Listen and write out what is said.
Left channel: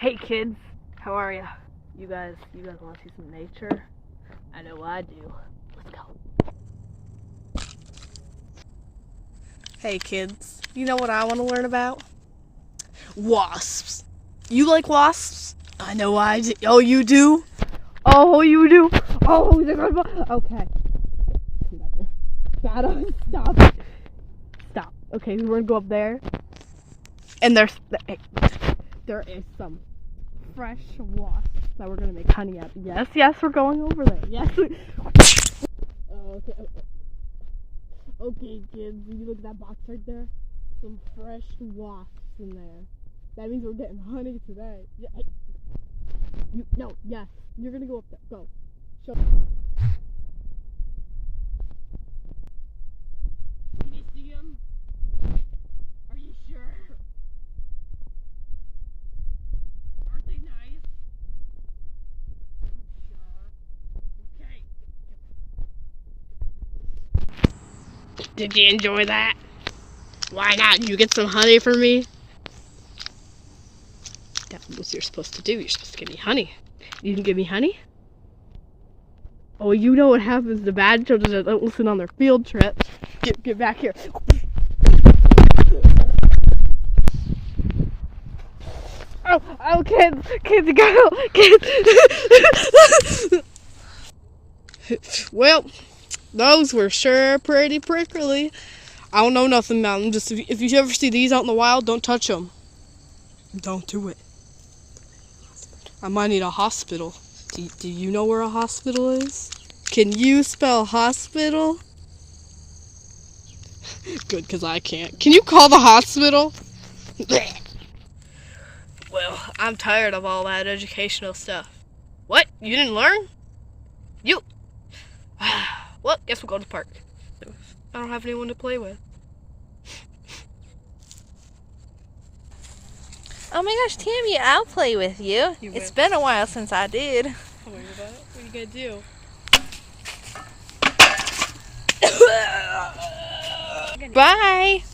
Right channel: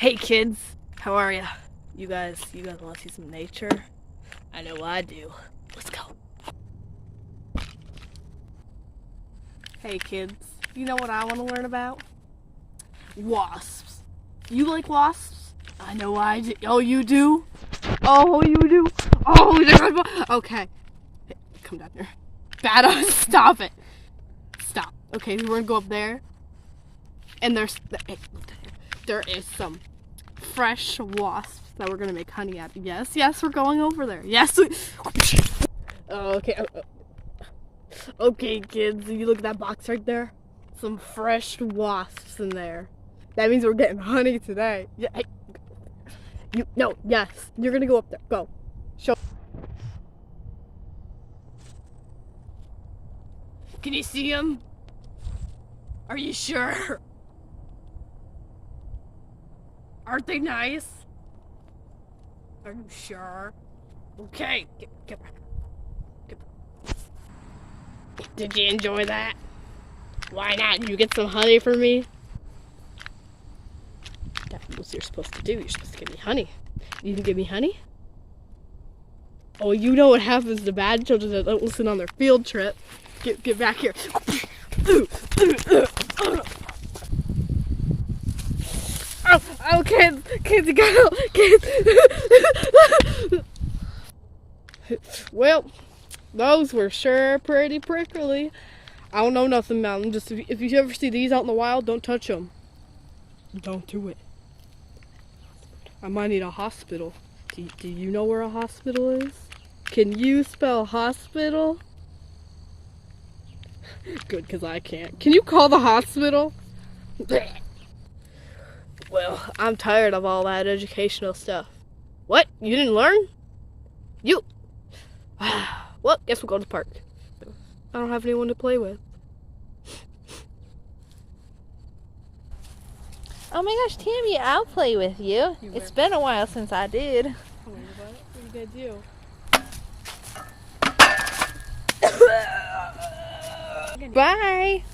Hey kids, how are ya? You guys want to see some nature? I know I do. Let's go. Hey kids, you know what I want to learn about? Wasps. You like wasps? I know I do. Oh, you do? Oh, you do? Oh, okay. Hey, come down here. Bada, stop it. Stop. Okay, we're gonna go up there. And there is some fresh wasps that we're gonna make honey out of. Yes, we're going over there. Yes. Okay. Okay, kids, you look at that box right there? Some fresh wasps in there. That means we're getting honey today. Yeah. Hey. Yes. You're gonna go up there. Go. Show. Can you see them? Are you sure? Aren't they nice? Are you sure? Okay. Get back. Did you enjoy that? Why not? You get some honey for me? That's what you're supposed to do. You're supposed to give me honey. You can give me honey? Oh, you know what happens to bad children that don't listen on their field trip. Get back here. Oh, kids, go, kids. Well, those were sure pretty prickly. I don't know nothing about them. Just if you ever see these out in the wild, don't touch them. Don't do it. I might need a hospital. Do you know where a hospital is? Can you spell hospital? Good, because I can't. Can you call the hospital? Well, I'm tired of all that educational stuff. What? You didn't learn? You... Well, guess we'll go to the park. I don't have anyone to play with. Oh my gosh, Tammy, I'll play with you. It's been a while since I did. Oh my God, what are you gonna do? Bye!